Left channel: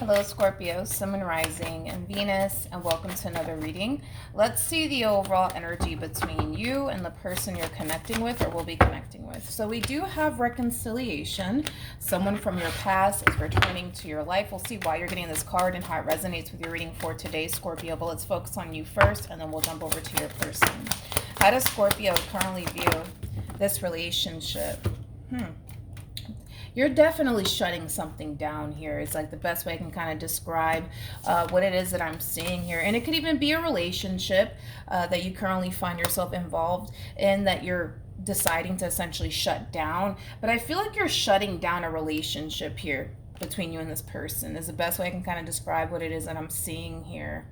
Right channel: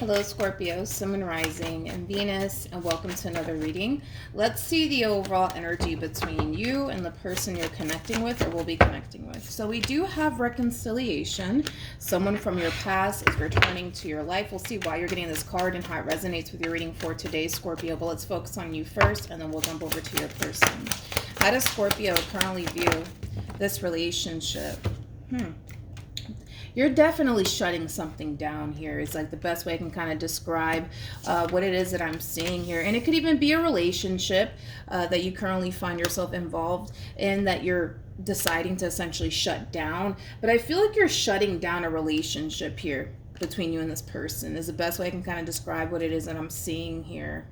Hello Scorpio, Sun and Rising, and Venus, and welcome to another reading. Let's see the overall energy between you and the person you're connecting with or will be connecting with. So we do have reconciliation. Someone from your past is returning to your life. We'll see why you're getting this card and how it resonates with your reading for today, Scorpio. But let's focus on you first, and then we'll jump over to your person. How does Scorpio currently view this relationship? You're definitely shutting something down here. It's like the best way I can kind of describe what it is that I'm seeing here. And it could even be a relationship that you currently find yourself involved in that you're deciding to essentially shut down. But I feel like you're shutting down a relationship here between you and this person is the best way I can kind of describe what it is that I'm seeing here.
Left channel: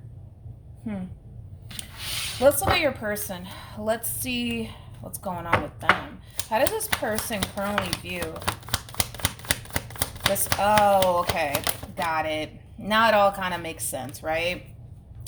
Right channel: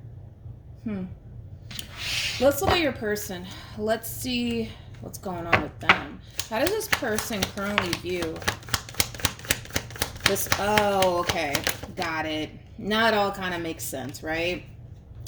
Let's look at your person. Let's see what's going on with them. How does this person currently view this? Oh, okay. Got it. Now it all kind of makes sense, right?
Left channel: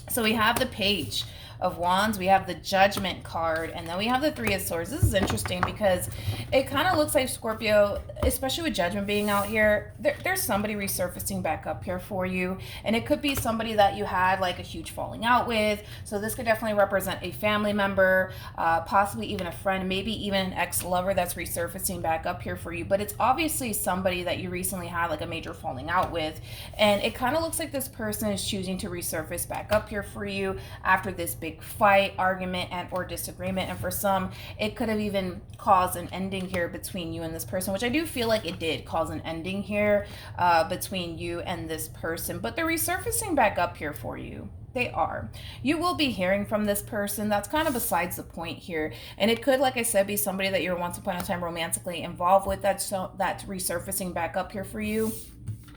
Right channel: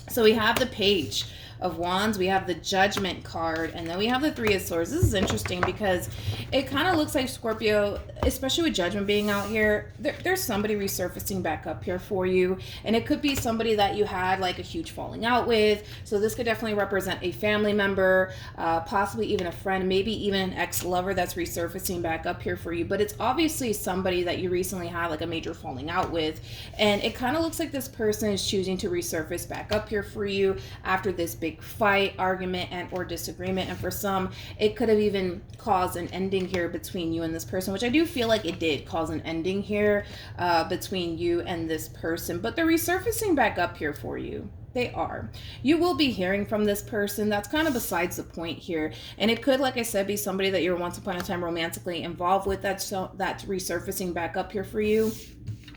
So we have the Page of Wands, we have the Judgment card, and then we have the Three of Swords. This is interesting because it kind of looks like Scorpio, especially with Judgment being out here, there's somebody resurfacing back up here for you, and it could be somebody that you had like a huge falling out with. So this could definitely represent a family member, possibly even a friend, maybe even an ex-lover that's resurfacing back up here for you. But it's obviously somebody that you recently had like a major falling out with, and it kind of looks like this person is choosing to resurface back up here for you after this big fight, argument, and or disagreement. And for some, it could have even caused an ending here between you and this person, which I do feel like it did cause an ending here between you and this person. But they're resurfacing back up here for you. They are. You will be hearing from this person. That's kind of besides the point here. And it could, like I said, be somebody that you're once upon a time romantically involved with that's resurfacing back up here for you,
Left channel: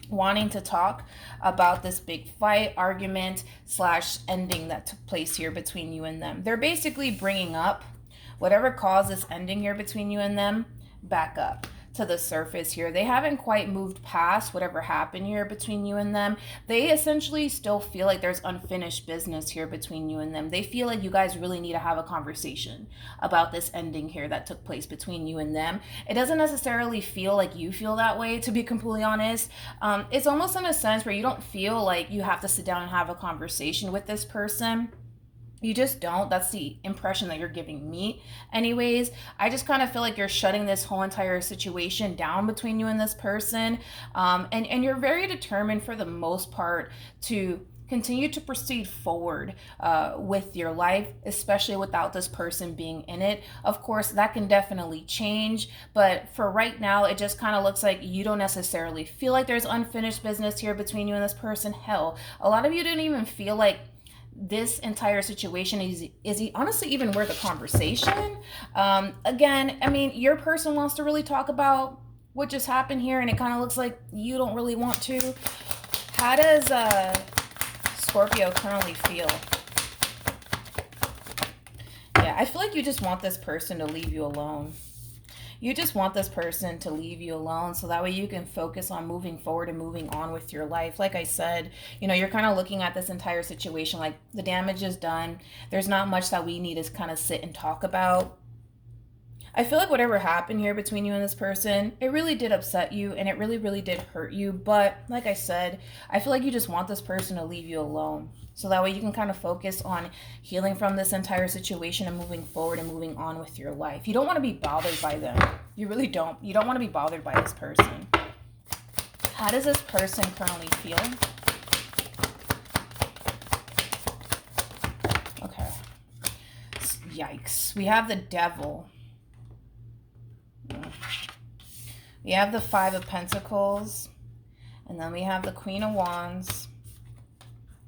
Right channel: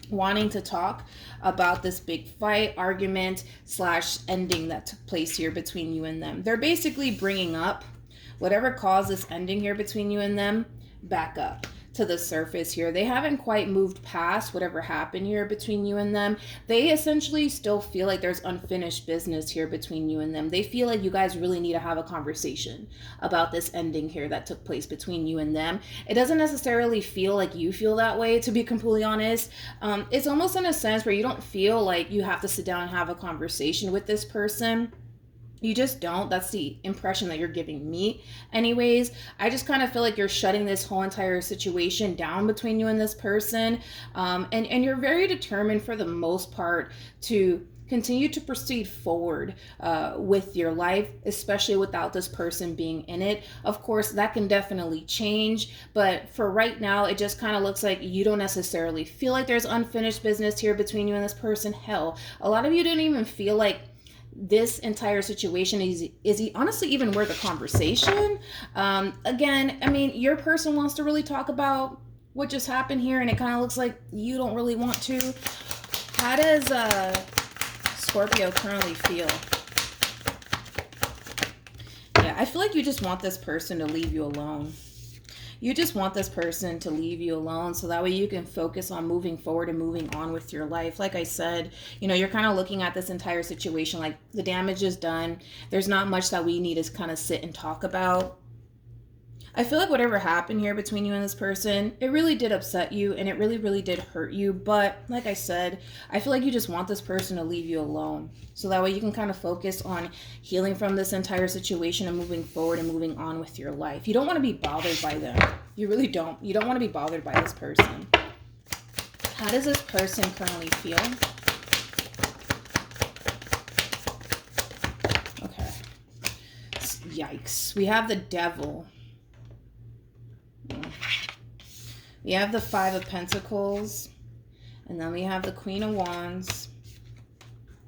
wanting to talk about this big fight, argument / ending that took place here between you and them. They're basically bringing up whatever caused this ending here between you and them back up to the surface here. They haven't quite moved past whatever happened here between you and them. They essentially still feel like there's unfinished business here between you and them. They feel like you guys really need to have a conversation about this ending here that took place between you and them. It doesn't necessarily feel like you feel that way, to be completely honest. It's almost in a sense where you don't feel like you have to sit down and have a conversation with this person. You just don't. That's the impression that you're giving me. Anyways, I just kind of feel like you're shutting this whole entire situation down between you and this person. And you're very determined for the most part to continue to proceed forward with your life, especially without this person being in it. Of course, that can definitely change. But for right now, it just kind of looks like you don't necessarily feel like there's unfinished business here between you and this person. Hell, a lot of you didn't even feel like this entire situation is honestly even worth a conversation. Again, I mean, your person wants to really talk about what just happened here, and it kind of looks like you don't really want to. How does Scorpio currently feel? Yeah, I feel like you just want this person to leave you alone. You just want this person to leave you alone so that way you can focus on moving forward and moving on with your life. Like I said, you know, you're kind of looking at this entire situation like the damage is done. There's not much that we need to kind of sit and talk about. I feel like whatever happened here between you and this person, it really did upset you and it really, really did hurt you. But like I said, I feel like you just want this person to leave you alone. So that way you can kind of focus on healing from this entire situation and moving forward and moving on with your life. You don't want to be bothered by them. You really don't. You don't want to be bothered by this person. How does this person currently feel? Okay. Yikes. We have the Devil. We have the Five of Pentacles, and then we have the Queen of Wands,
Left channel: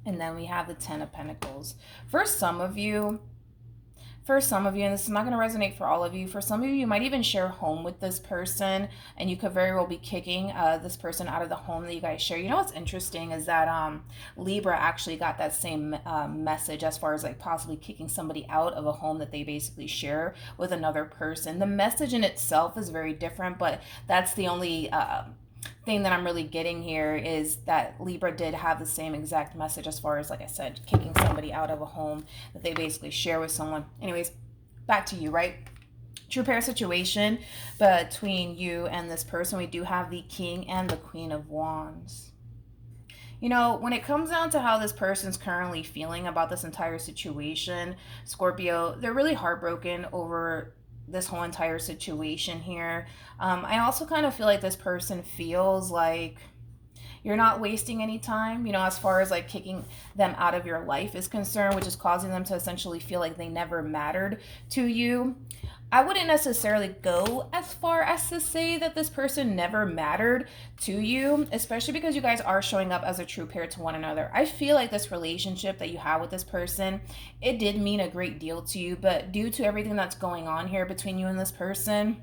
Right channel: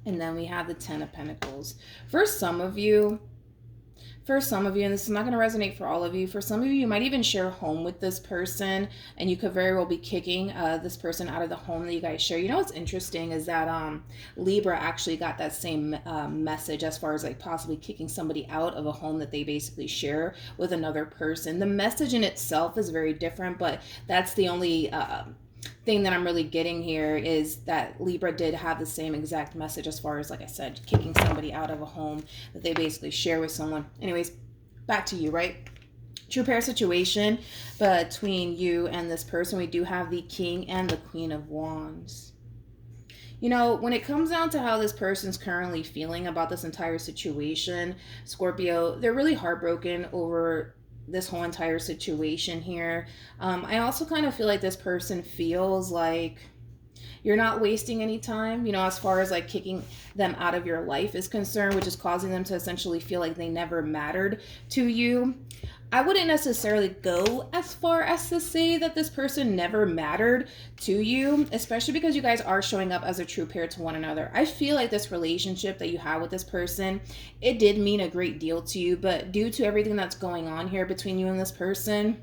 and then we have the Ten of Pentacles. For some of you, and this is not going to resonate for all of you, for some of you, you might even share a home with this person, and you could very well be kicking this person out of the home that you guys share. You know what's interesting is that Libra actually got that same message as far as like possibly kicking somebody out of a home that they basically share with another person. The message in itself is very different, but that's the only thing that I'm really getting here is that Libra did have the same exact message as far as, like I said, kicking somebody out of a home that they basically share with someone. Anyways, back to you, right? True pair situation between you and this person. We do have the King and the Queen of Wands. You know, when it comes down to how this person's currently feeling about this entire situation, Scorpio, they're really heartbroken over this whole entire situation here. I also kind of feel like this person feels like you're not wasting any time, you know, as far as like kicking them out of your life is concerned, which is causing them to essentially feel like they never mattered to you. I wouldn't necessarily go as far as to say that this person never mattered to you, especially because you guys are showing up as a true pair to one another. I feel like this relationship that you have with this person, it did mean a great deal to you, but due to everything that's going on here between you and this person,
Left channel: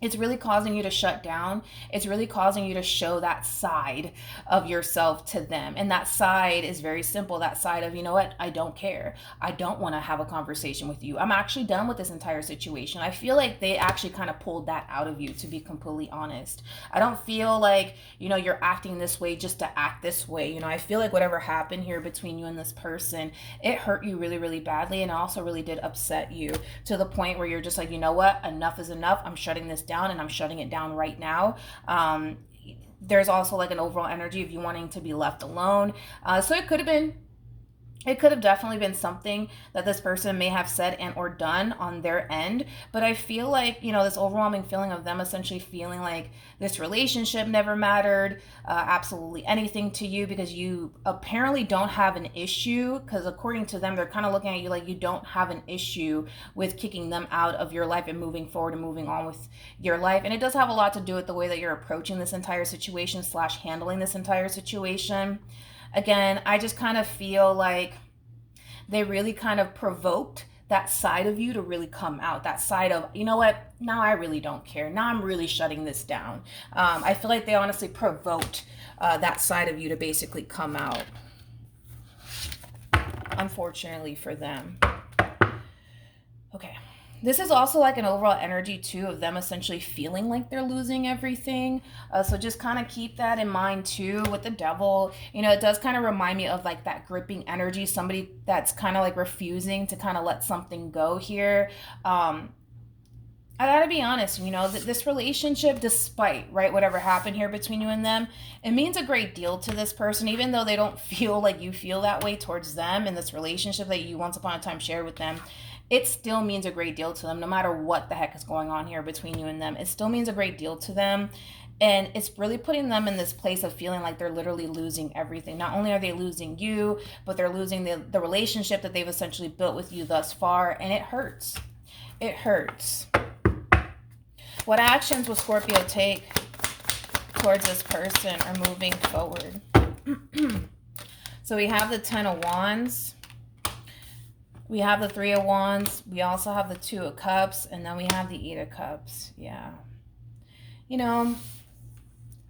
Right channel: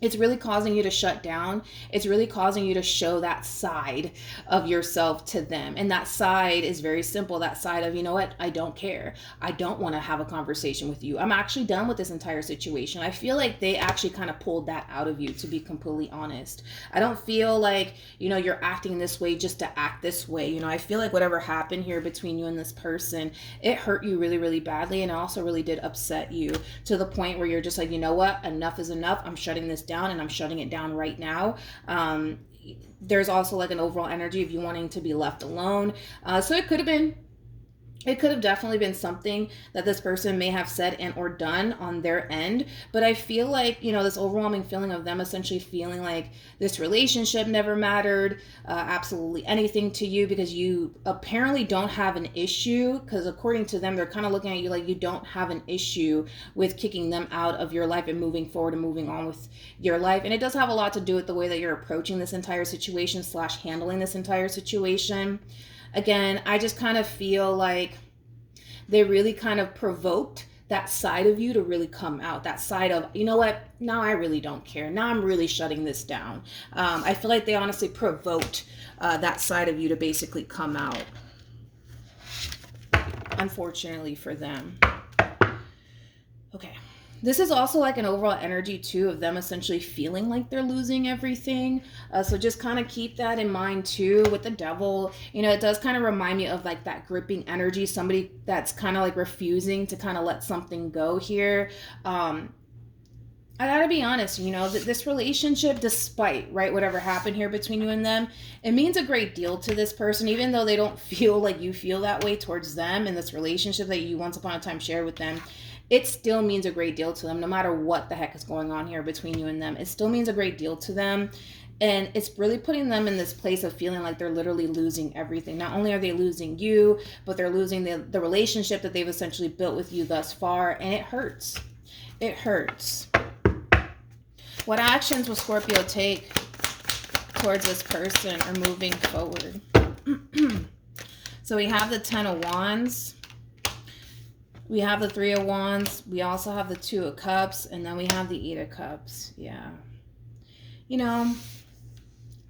it's really causing you to shut down. It's really causing you to show that side of yourself to them. And that side is very simple. That side of, you know what? I don't care. I don't want to have a conversation with you. I'm actually done with this entire situation. I feel like they actually kind of pulled that out of you, to be completely honest. I don't feel like, you know, you're acting this way just to act this way. You know, I feel like whatever happened here between you and this person, it hurt you really, really badly. And also really did upset you to the point where you're just like, you know what? Enough is enough. I'm shutting this down, and I'm shutting it down right now. There's also like an overall energy of you wanting to be left alone. So it could have definitely been something that this person may have said and or done on their end, but I feel like, you know, this overwhelming feeling of them essentially feeling like this relationship never mattered absolutely anything to you, because you apparently don't have an issue, because according to them, they're kind of looking at you like you don't have an issue with kicking them out of your life and moving forward and moving on with your life. And it does have a lot to do with the way that you're approaching this entire situation / handling this entire situation. Again, I just kind of feel like they really kind of provoked that side of you to really come out. That side of, you know what, now I really don't care. Now I'm really shutting this down. I feel like they honestly provoked that side of you to basically come out, unfortunately for them. Okay. This is also like an overall energy too of them essentially feeling like they're losing everything. So just kind of keep that in mind too with the devil. You know, it does kind of remind me of like that gripping energy, somebody that's kind of like refusing to kind of let something go here. I gotta be honest, you know, that this relationship, despite, right, whatever happened here between you and them, it means a great deal to this person, even though they don't feel like you feel that way towards them in this relationship that you once upon a time shared with them. It still means a great deal to them, no matter what the heck is going on here between you and them. It still means a great deal to them. And it's really putting them in this place of feeling like they're literally losing everything. Not only are they losing you, but they're losing the relationship that they've essentially built with you thus far. And it hurts. It hurts. What actions will Scorpio take towards this person or moving forward? So we have the 10 of Wands. We have the 3 of Wands. We also have the 2 of Cups. And then we have the 8 of Cups. Yeah. You know,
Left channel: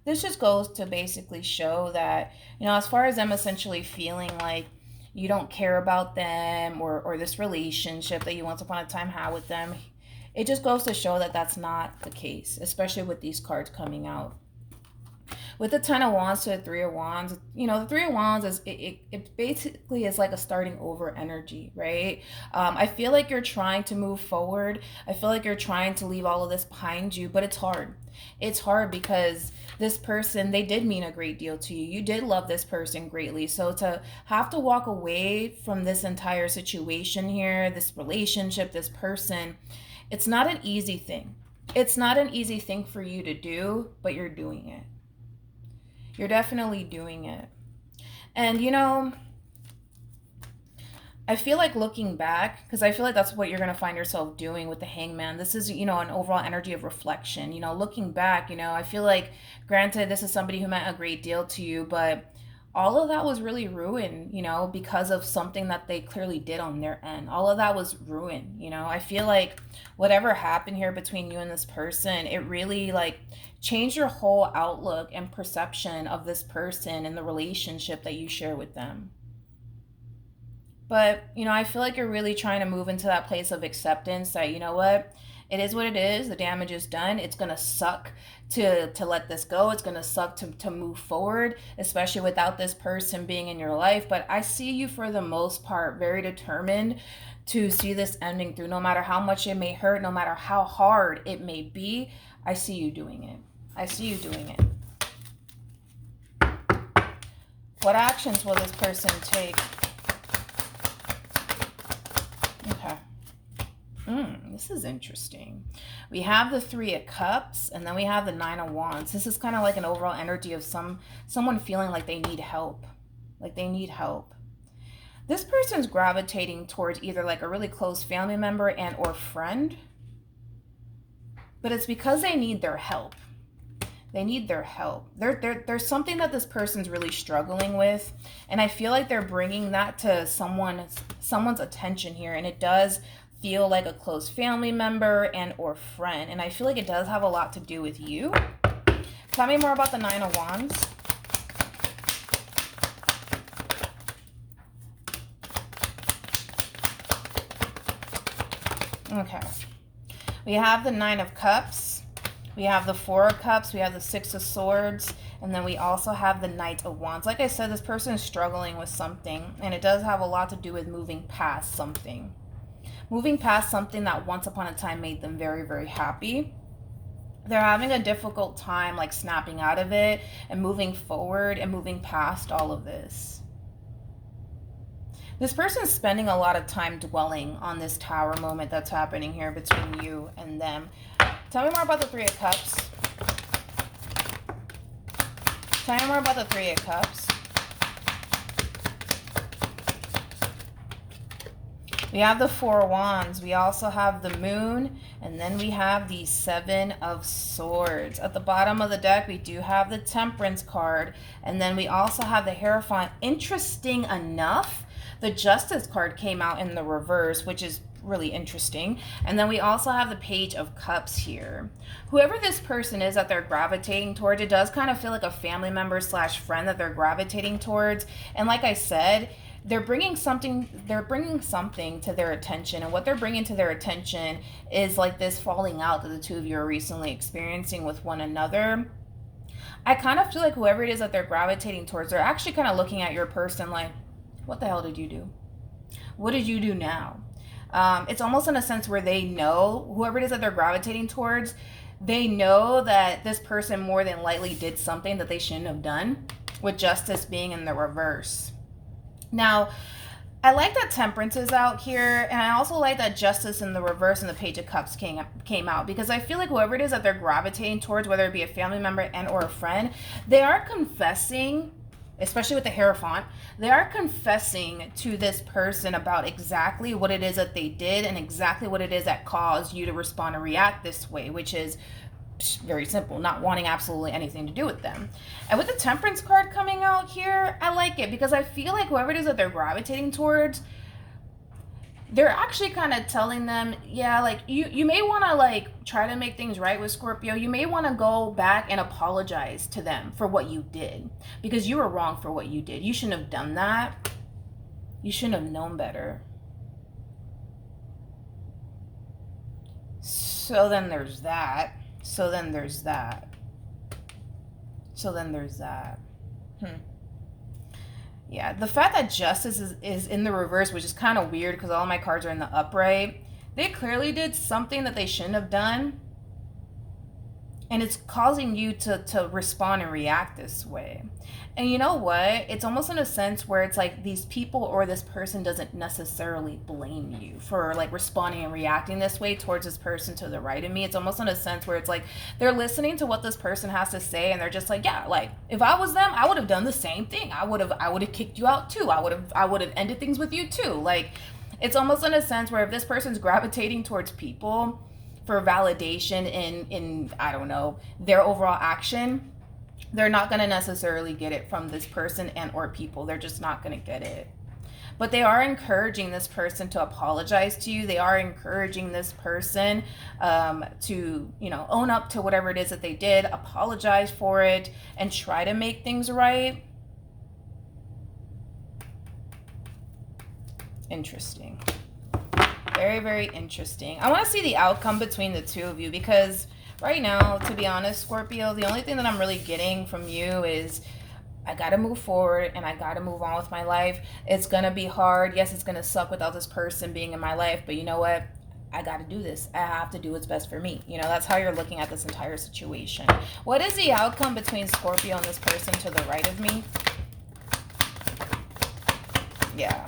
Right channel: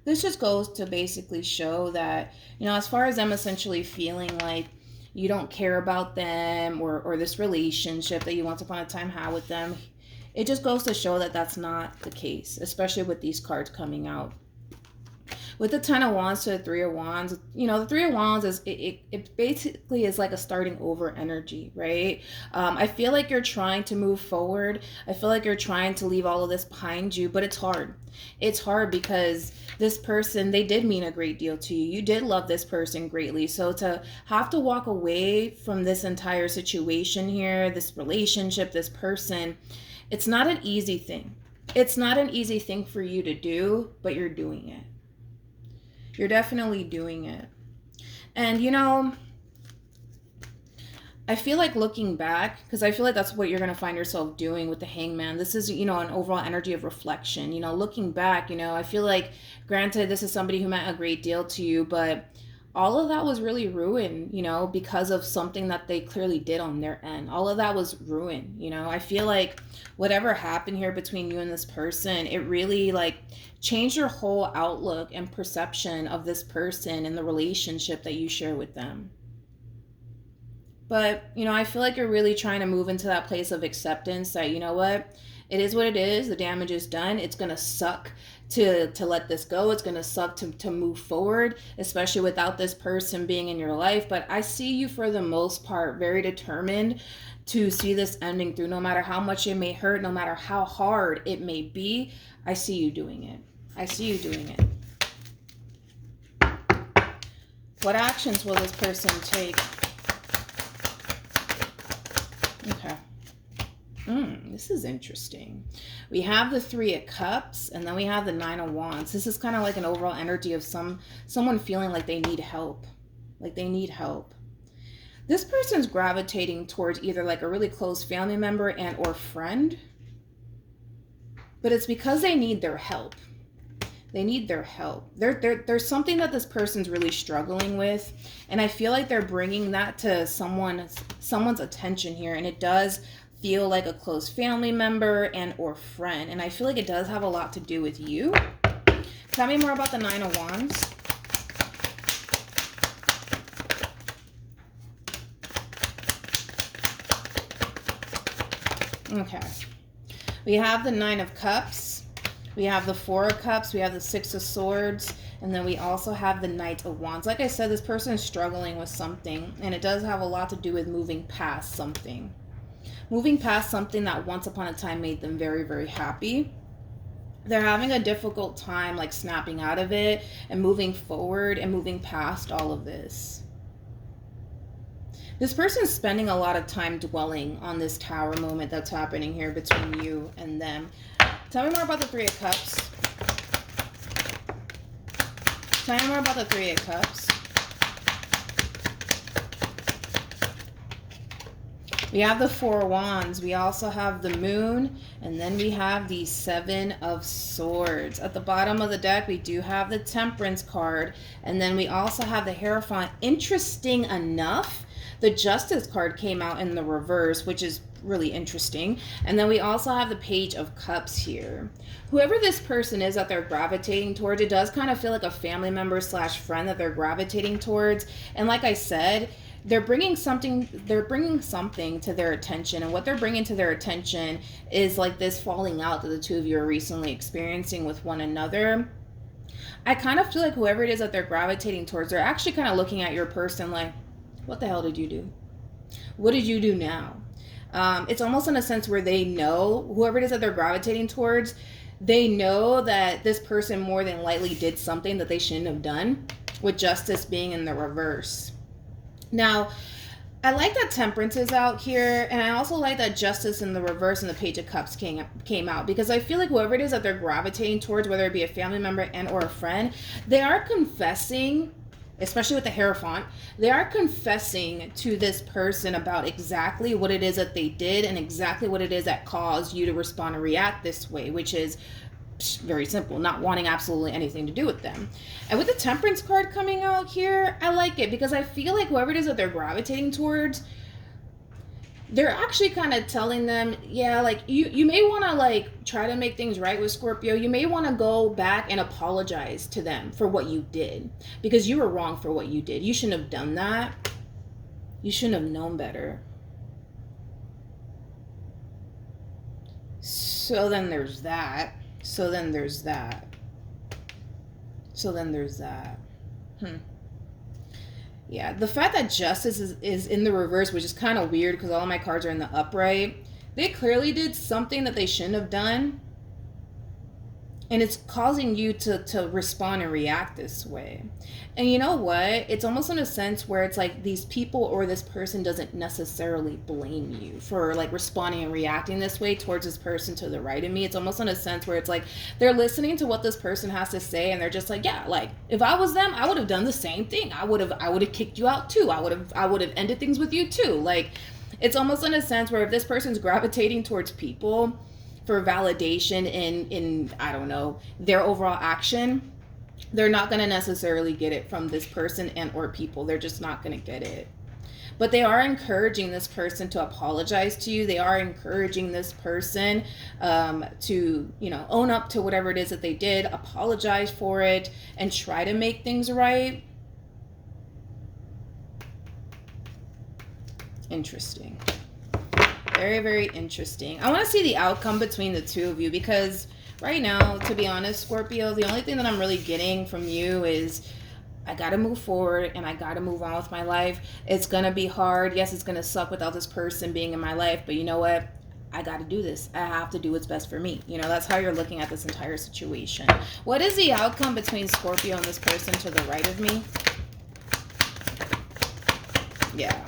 this just goes to basically show that, you know, as far as them essentially feeling like you don't care about them or this relationship that you once upon a time had with them, it just goes to show that that's not the case, especially with these cards coming out. With the 10 of Wands to the 3 of Wands, you know, the 3 of Wands is, it basically is like a starting over energy, right? I feel like you're trying to move forward. I feel like you're trying to leave all of this behind you, but it's hard. It's hard because this person, they did mean a great deal to you. You did love this person greatly. So to have to walk away from this entire situation here, this relationship, this person, it's not an easy thing. It's not an easy thing for you to do, but you're doing it. You're definitely doing it. And, you know, I feel like looking back, because I feel like that's what you're going to find yourself doing with the Hangman. This is, you know, an overall energy of reflection. You know, looking back, you know, I feel like, granted, this is somebody who meant a great deal to you, but all of that was really ruined, you know, because of something that they clearly did on their end. All of that was ruined, you know. I feel like whatever happened here between you and this person, it really, like, changed your whole outlook and perception of this person and the relationship that you share with them. But, you know, I feel like you're really trying to move into that place of acceptance that, you know what, it is what it is. The damage is done. It's going to suck to let this go. It's going to suck to move forward, especially without this person being in your life. But I see you, for the most part, very determined to see this ending through, no matter how much it may hurt, no matter how hard it may be. I see you doing it. I see you doing it. What actions will this person take? Okay. This is interesting. We have the 3 of Cups, and then we have the 9 of Wands. This is kind of like an overall energy of someone feeling like they need help. Like they need help. This person's gravitating towards either like a really close family member and or friend. But it's because they need their help. They need their help. There's something that this person's really struggling with. And I feel like they're bringing that to someone's attention here. And it does feel like a close family member and or friend. And I feel like it does have a lot to do with you. Tell me more about the 9 of Wands. Okay. We have the 9 of Cups. We have the 4 of Cups. We have the 6 of Swords. And then we also have the Knight of Wands. Like I said, this person is struggling with something. And it does have a lot to do with moving past something. Moving past something that once upon a time made them very, very happy. They're having a difficult time like snapping out of it and moving forward and moving past all of this. This person is spending a lot of time dwelling on this Tower moment that's happening here between you and them. Tell me more about the 3 of Cups. Tell me more about the 3 of Cups. We have the 4 of Wands. We also have the Moon. And then we have the 7 of Swords. At the bottom of the deck, we do have the Temperance card. And then we also have the Hierophant. Interesting enough, the Justice card came out in the reverse, which is really interesting. And then we also have the Page of Cups here. Whoever this person is that they're gravitating towards, it does kind of feel like a family member slash friend that they're gravitating towards. And like I said, they're bringing something to their attention. And what they're bringing to their attention is like this falling out that the two of you are recently experiencing with one another. I kind of feel like whoever it is that they're gravitating towards, they're actually kind of looking at your person like, what the hell did you do? What did you do now? It's almost in a sense where they know, whoever it is that they're gravitating towards, they know that this person more than likely did something that they shouldn't have done, with Justice being in the reverse. Now, I like that Temperance is out here, and I also like that Justice in the reverse and the Page of Cups came out, because I feel like whoever it is that they're gravitating towards, whether it be a family member and or a friend, they are confessing, especially with the Hierophant, they are confessing to this person about exactly what it is that they did and exactly what it is that caused you to respond and react this way, which is very simple, not wanting absolutely anything to do with them. And with the Temperance card coming out here, I like it because I feel like whoever it is that they're gravitating towards, they're actually kind of telling them, yeah, like you may want to like try to make things right with Scorpio. You may want to go back and apologize to them for what you did, because you were wrong for what you did. You shouldn't have done that. You shouldn't have known better. So then there's that. So then there's that. So then there's that. Yeah, the fact that Justice is in the reverse, which is kind of weird because all my cards are in the upright. They clearly did something that they shouldn't have done. And it's causing you to respond and react this way. And you know what? It's almost in a sense where it's like these people or this person doesn't necessarily blame you for like responding and reacting this way towards this person to the right of me. It's almost in a sense where it's like they're listening to what this person has to say, and they're just like, yeah, like if I was them, I would have done the same thing. I would have kicked you out too. I would have ended things with you too. Like it's almost in a sense where if this person's gravitating towards people for validation in I don't know, their overall action, they're not going to necessarily get it from this person and or people. They're just not going to get it. But they are encouraging this person to apologize to you. They are encouraging this person to, you know, own up to whatever it is that they did, apologize for it, and try to make things right. Interesting. Very, very interesting. I want to see the outcome between the two of you, because right now, to be honest, Scorpio, the only thing that I'm really getting from you is I got to move forward and I got to move on with my life. It's going to be hard. Yes, it's going to suck without this person being in my life, but you know what? I got to do this. I have to do what's best for me. You know, that's how you're looking at this entire situation. What is the outcome between Scorpio and this person to the right of me? Yeah.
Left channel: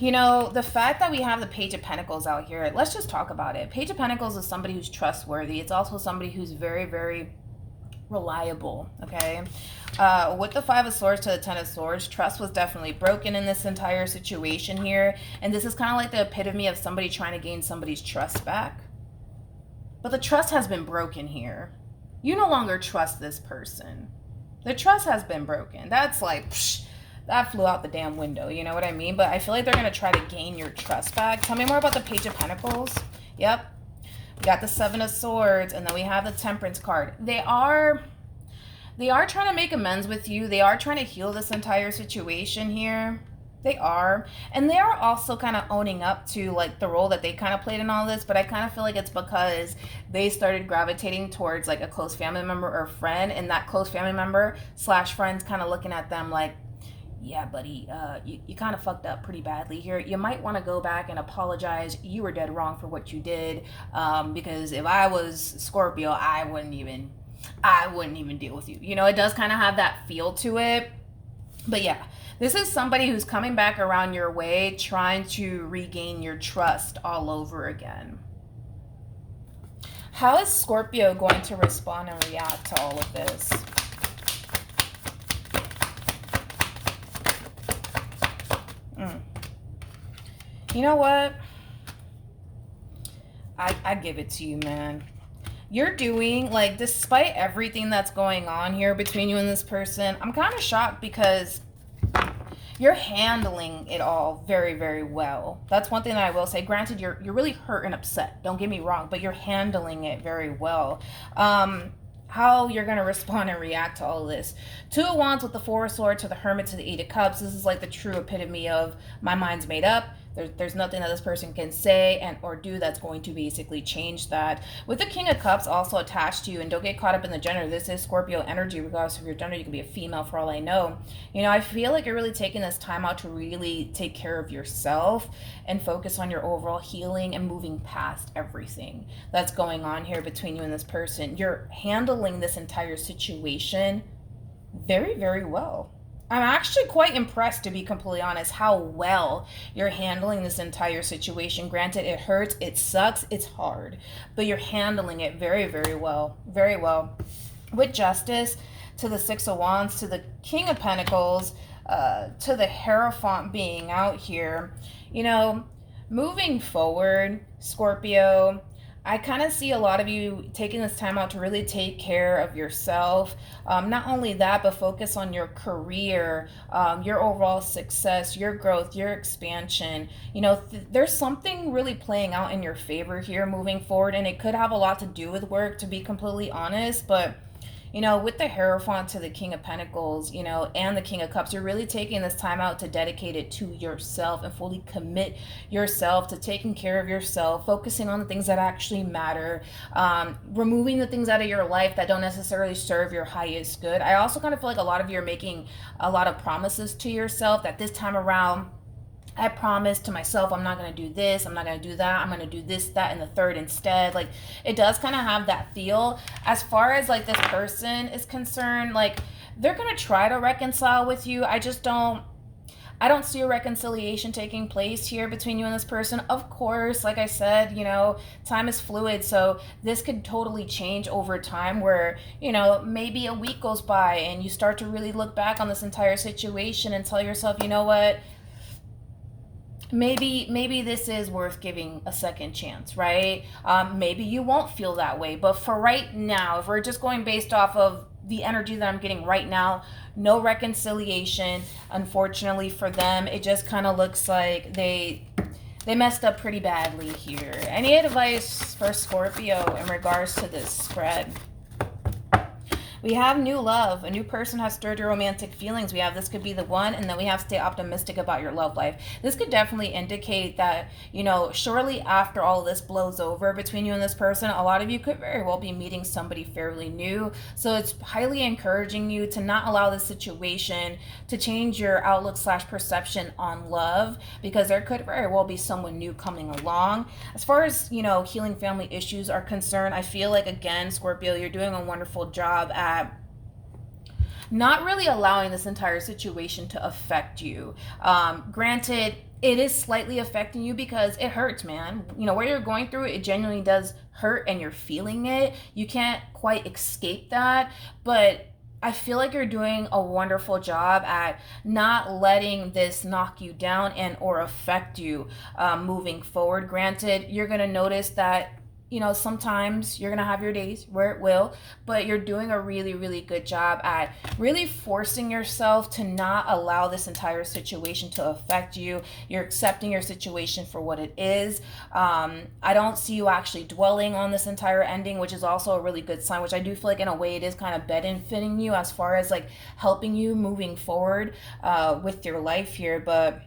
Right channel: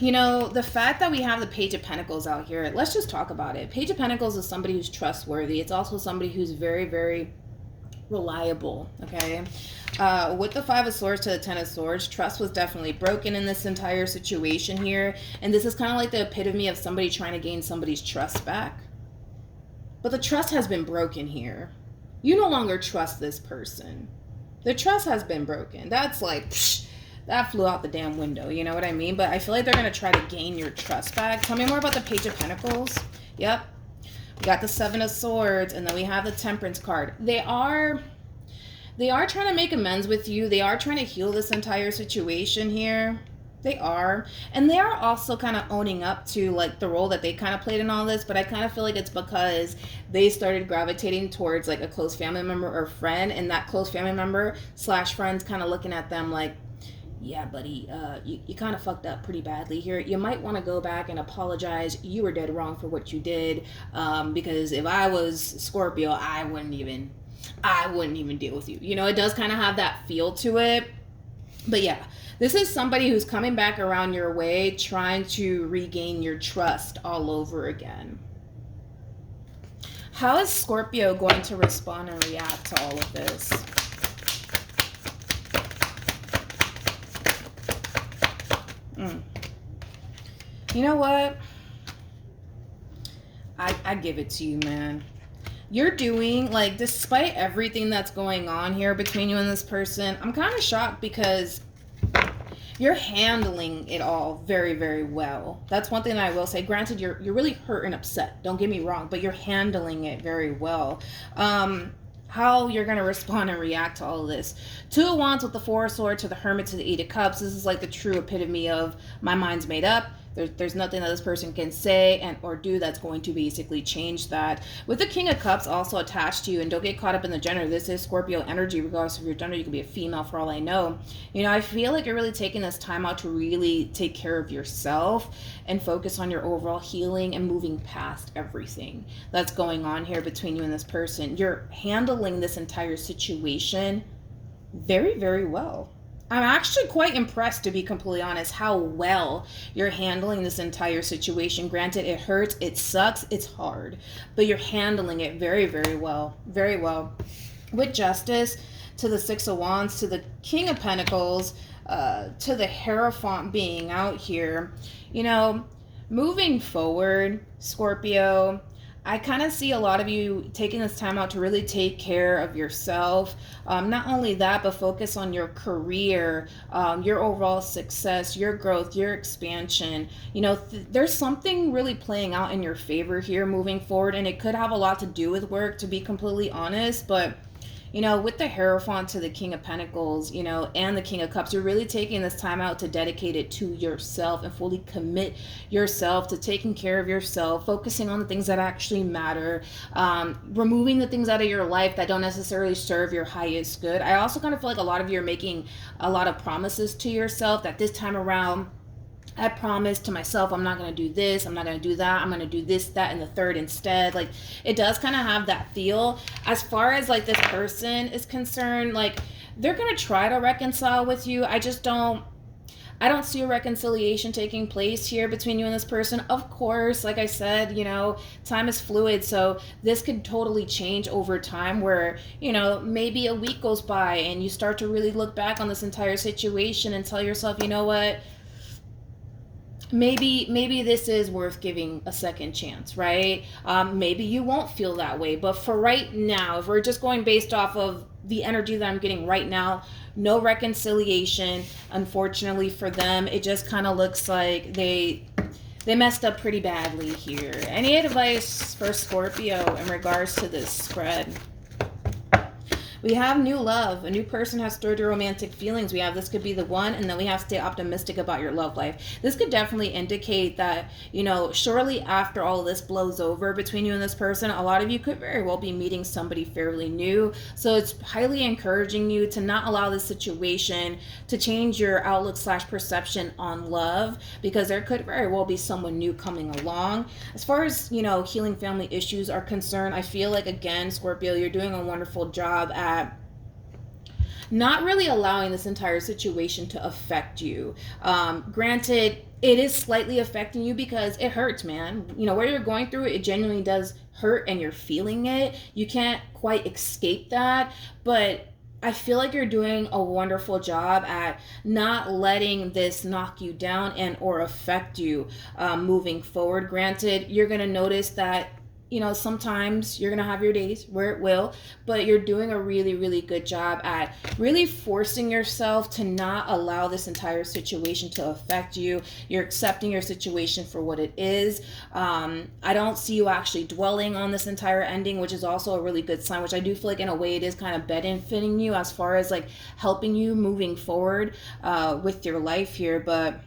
You know, the fact that we have the Page of Pentacles out here, let's just talk about it. Page of Pentacles is somebody who's trustworthy. It's also somebody who's very, very reliable, okay? With the Five of Swords to the Ten of Swords, trust was definitely broken in this entire situation here. And this is kind of like the epitome of somebody trying to gain somebody's trust back. But the trust has been broken here. You no longer trust this person. The trust has been broken. That's like, psh, that flew out the damn window. You know what I mean? But I feel like they're going to try to gain your trust back. Tell me more about the Page of Pentacles. Yep. We got the Seven of Swords, and then we have the Temperance card. They are trying to make amends with you. They are trying to heal this entire situation here. They are. And they are also kind of owning up to like the role that they kind of played in all this, but I kind of feel like it's because they started gravitating towards like a close family member or friend, and that close family member / friends kind of looking at them like, yeah, buddy, you kind of fucked up pretty badly here. You might want to go back and apologize. You were dead wrong for what you did. Because if I was Scorpio, I wouldn't even deal with you. You know, it does kind of have that feel to it. But yeah, this is somebody who's coming back around your way, trying to regain your trust all over again. How is Scorpio going to respond and react to all of this? You know what? I give it to you, man. You're doing, like, despite everything that's going on here between you and this person, I'm kind of shocked because you're handling it all very, very well. That's one thing that I will say. Granted, you're really hurt and upset. Don't get me wrong, but you're handling it very well. How you're going to respond and react to all of this. Two of Wands with the Four of Swords to the Hermit to the Eight of Cups. This is like the true epitome of my mind's made up. There's nothing that this person can say and or do that's going to basically change that. With the King of Cups also attached to you, and don't get caught up in the gender. This is Scorpio energy, regardless of your gender. You could be a female for all I know. You know, I feel like you're really taking this time out to really take care of yourself and focus on your overall healing and moving past everything that's going on here between you and this person. You're handling this entire situation very, very well. I'm actually quite impressed, to be completely honest, how well you're handling this entire situation. Granted, it hurts, it sucks, it's hard, but you're handling it very, very well. Very well. With Justice to the Six of Wands, to the King of Pentacles, to the Hierophant being out here. You know, moving forward, Scorpio, I kind of see a lot of you taking this time out to really take care of yourself. Not only that, but focus on your career, your overall success, your growth, your expansion. You know, there's something really playing out in your favor here moving forward, and it could have a lot to do with work, to be completely honest, but you know, with the Hierophant to the King of Pentacles, you know, and the King of Cups, you're really taking this time out to dedicate it to yourself and fully commit yourself to taking care of yourself, focusing on the things that actually matter, removing the things out of your life that don't necessarily serve your highest good. I also kind of feel like a lot of you are making a lot of promises to yourself that this time around, I promise to myself, I'm not going to do this, I'm not going to do that, I'm going to do this, that, and the third instead. Like, it does kind of have that feel. As far as, like, this person is concerned, like, they're going to try to reconcile with you. I don't see a reconciliation taking place here between you and this person. Of course, like I said, you know, time is fluid, so this could totally change over time where, you know, maybe a week goes by and you start to really look back on this entire situation and tell yourself, you know what? Maybe this is worth giving a second chance, right? Maybe you won't feel that way, but for right now, if we're just going based off of the energy that I'm getting right now, no reconciliation. Unfortunately for them, it just kind of looks like they messed up pretty badly here. Any advice for Scorpio in regards to this spread? We have new love. A new person has stirred your romantic feelings. We have this could be the one, and then we have stay optimistic about your love life. This could definitely indicate that, you know, shortly after all this blows over between you and this person, a lot of you could very well be meeting somebody fairly new. So it's highly encouraging you to not allow this situation to change your outlook / perception on love, because there could very well be someone new coming along. As far as, you know, healing family issues are concerned, I feel like, again, Scorpio, you're doing a wonderful job at not really allowing this entire situation to affect you. Granted, it is slightly affecting you because it hurts, man. You know, where you're going through it, it genuinely does hurt and you're feeling it. You can't quite escape that, but I feel like you're doing a wonderful job at not letting this knock you down and or affect you moving forward. Granted, you're going to notice that, you know, sometimes you're going to have your days where it will, but you're doing a really, really good job at really forcing yourself to not allow this entire situation to affect you. You're accepting your situation for what it is. I don't see you actually dwelling on this entire ending, which is also a really good sign, which I do feel like in a way it is kind of benefiting you as far as like helping you moving forward with your life here. But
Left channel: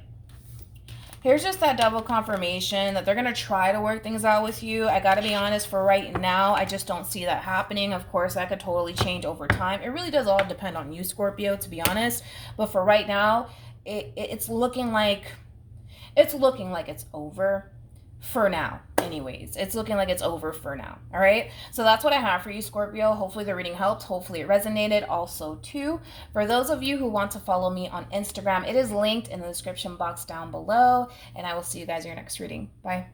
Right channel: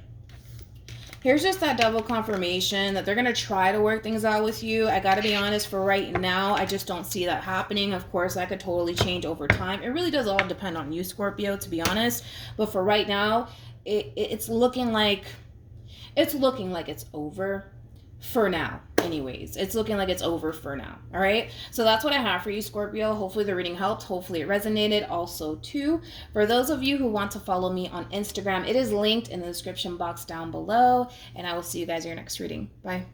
here's just that double confirmation that they're going to try to work things out with you. I got to be honest, for right now, I just don't see that happening. Of course, that could totally change over time. It really does all depend on you, Scorpio, to be honest. But for right now, it's looking like it's over for now. Anyways, it's looking like it's over for now. All right, so that's what I have for you, Scorpio. Hopefully the reading helped. Hopefully it resonated. Also too, for those of you who want to follow me on Instagram, it is linked in the description box down below, and I will see you guys in your next reading. Bye.